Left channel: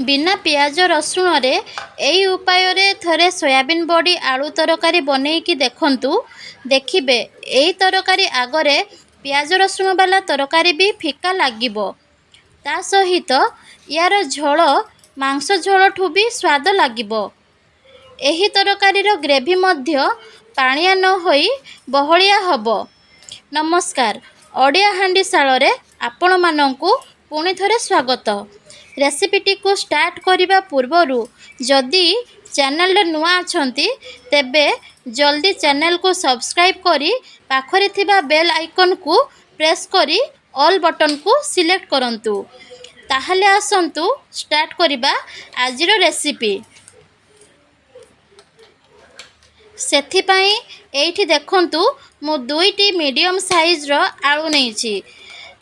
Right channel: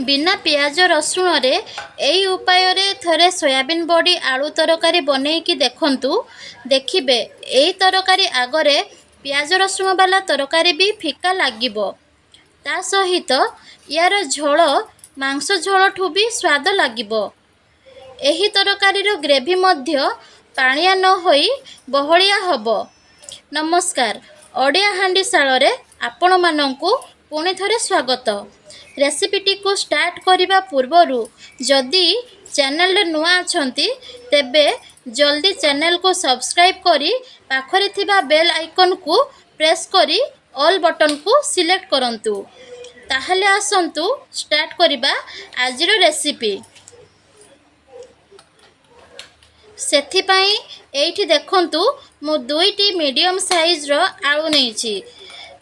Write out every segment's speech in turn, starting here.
बिना पियाज रसुण रे एई उपाय रे थरे सोयाबीन बड़ी आलू तरकारी बनेइकी देखंतु। देखिबे एई तरकारी आगरे पियाज रसुण वाला तरकारी भी फिका लागिबो। ता सहित यार झोल मांस झोलठू भी स्वाद लागिबो। एही तरकारीर ग्रेवी मध्य पाणिया न होई बहलिया हबो। नमस्कार, ओडिया हांडीशाଳରେ आपण मानंकु पुणी थरे स्वागत। रेसिपीटी को स्टार्ट करिबा पूर्वरु जदि चैनल रे नुआ अछंती तेबे जल्दी चैनल को सब्सक्राइब करी पाखरे थिबा बेल आइकन को प्रेस करी ऑल बटन को सिलेक्ट करंतु। ताहले आसंतु स्टार्ट करिबा आजिरो रेसिपी। सेथिपाई एइठी देखंतु मु दुईटी मीडियम साइज रो आलू नेइछि।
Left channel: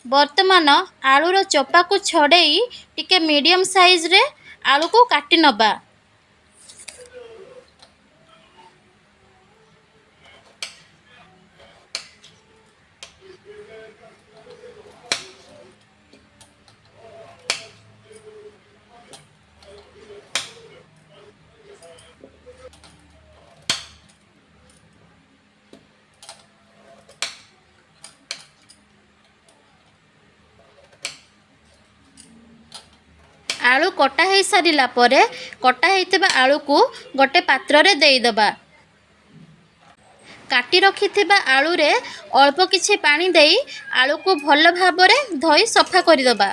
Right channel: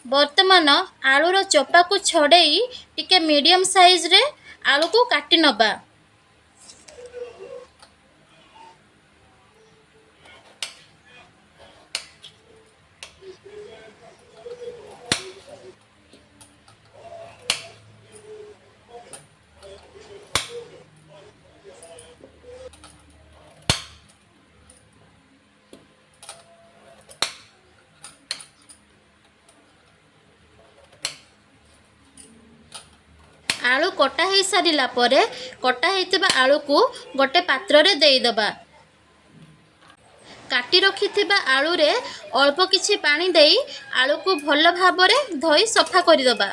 वर्तमान आलूर चोपा को छड़ेई टिके मीडियम साइज रे आलू को काटी नबा। आलू कटा हो सारा पर कटा होता आलू को गोटे पात्र रे देई दबा। काटी रखि आलू रे अल्प किछि पानी देई आलू को भल भाव में धोई सफा कर दबा।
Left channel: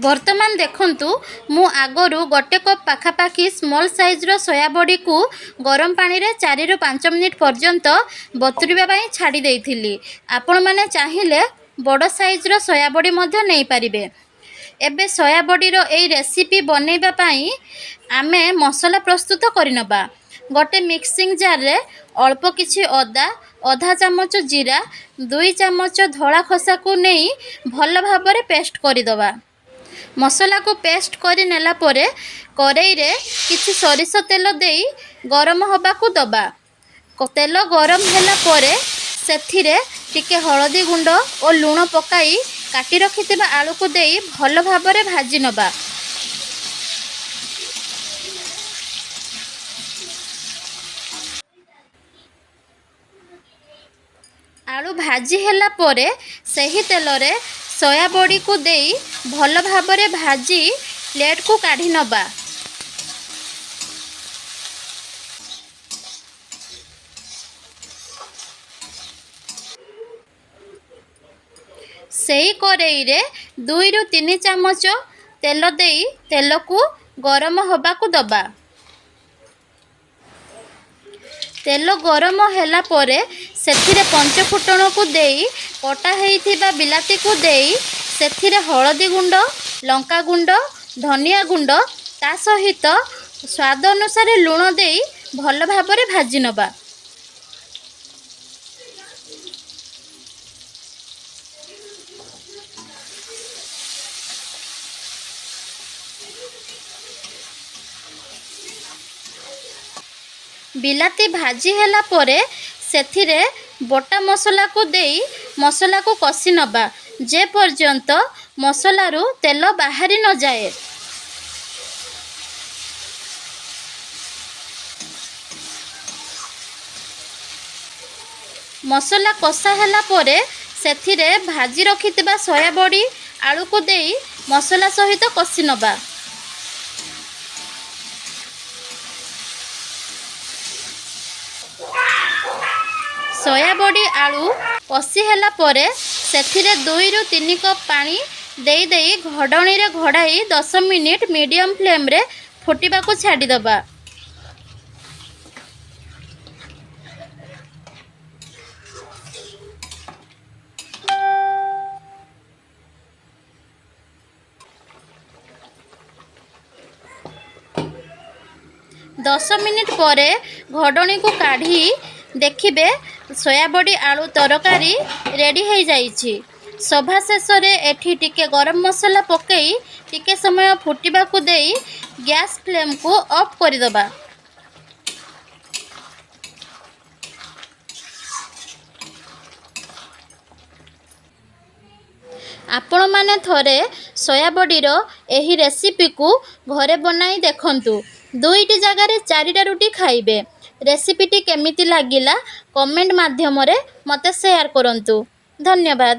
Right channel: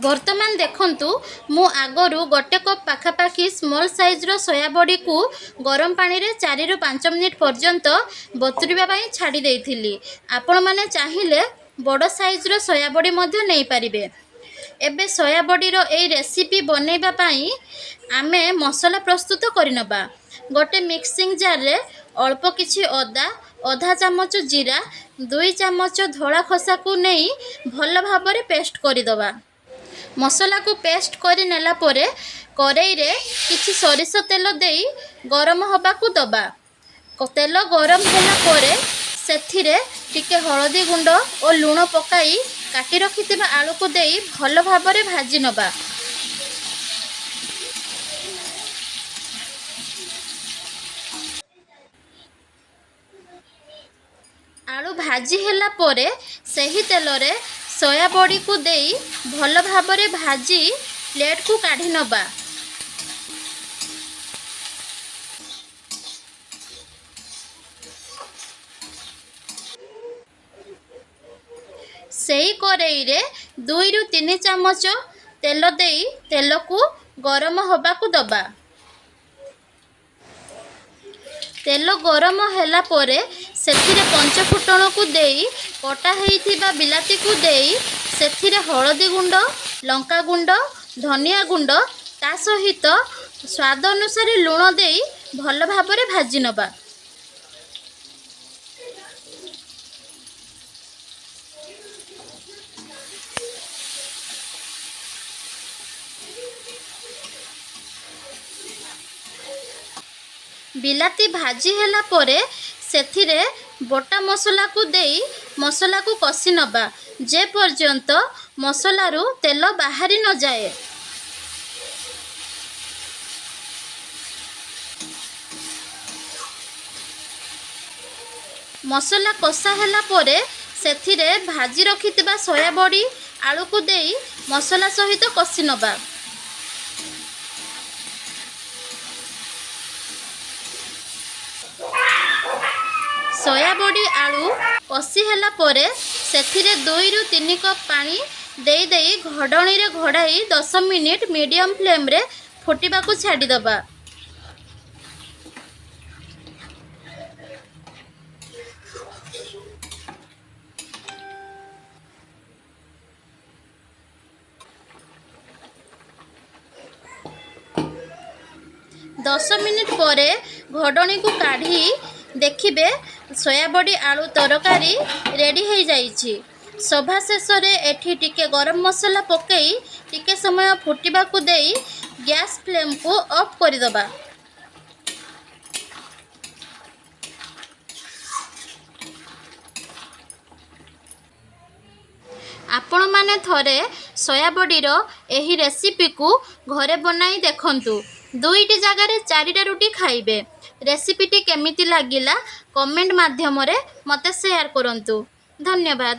वर्तमान देखंतु मु आगरू गोटे कप पाखापाखी स्मॉल साइज रो सोया बड़ी को गरम पानी रे 4 ରୁ 5 मिनिट पर्यंत बतुरिबा पई छाड़ी देइथिली। आपण माने चाहिले बड़ साइज रो सोया बड़ी मध्य नेई परिबे। एबे सोया बड़ीर एई रेसिपी बनैबा पाई आमे मसला प्रस्तुत करिनबा। गोटे मिक्सिंग जार रे अल्प किछि अदा, आधा चामच जीरा, 2 चामच धला खसा को नेई भल भाव में पेस्ट करिदबा। मसला को पेस्ट करि नेला परे करेई रे किछि सरिष तेल देई गरम होबा को दबा। तेल गरम होला परे सेथिरे टिके हळदी गुंड और लूण पकाई काटी रखिथिबा आलू को देई भल भाव में भाजी नबा। आलू भाजी होला परे सही तेल रे सोया बड़ी को देई भल भाव में भाजी प्लेट को काढ़ी नबा। सेही करेई रे 2 ରୁ 3 चामच तेल देई तेल को गरम होबा को दबा। तेल गरम होला परे सेथिरे पंच फुटण को देई कटा हेइथिबा बिलाती को देई सेथिरे हळदी गुंड, लंका गुंड, धनिया गुंड ता सहित स्वाद अनुसार लूण देई भल भाव में भाजी नबा। बिलाती भाजी होला परे सेथिरे बटा मसला को देई मसला को कसी नबा जे पर्यंत मसला रु तेल बाहरी न जाए। मसला कषा होला परे सेथिरे भाजी रखिथिबा सोया बड़ी आलू को देई मसला सहित कसी नबा। सोया बड़ी आलू कषि होला परे सेथिरे 2 ରୁ 3 कप पानी देई देई घडणी रे घडाई 10 मिनिट मीडियम फ्लेम रे फुटिबा को छाडी दबा। दस मिनिट परे घडणी को काढ़ी देखिबे सोया बड़ी आलू तरकारी रेडी हो जाइछि। सभा शेष रे एठी टिके गरम मसला पकई टिके समय फुटिबा को देई गैस फ्लेम को ऑफ कर दबा। आपण माने थरे ସୋୟା ବଡ଼ିର ଏହି ରେସିପିକୁ ଘରେ ବନାଇ ଦେଖନ୍ତୁ। 2ଟି ଜାଗାରେ 4ଟା ରୁଟି ଖାଇବେ। ରେସିପିଟି କେମିତି ଲାଗିଲା କମେଣ୍ଟ ମାଧ୍ୟମରେ ମୋତେ ସେୟାର କରନ୍ତୁ। ଧନ୍ୟବାଦ।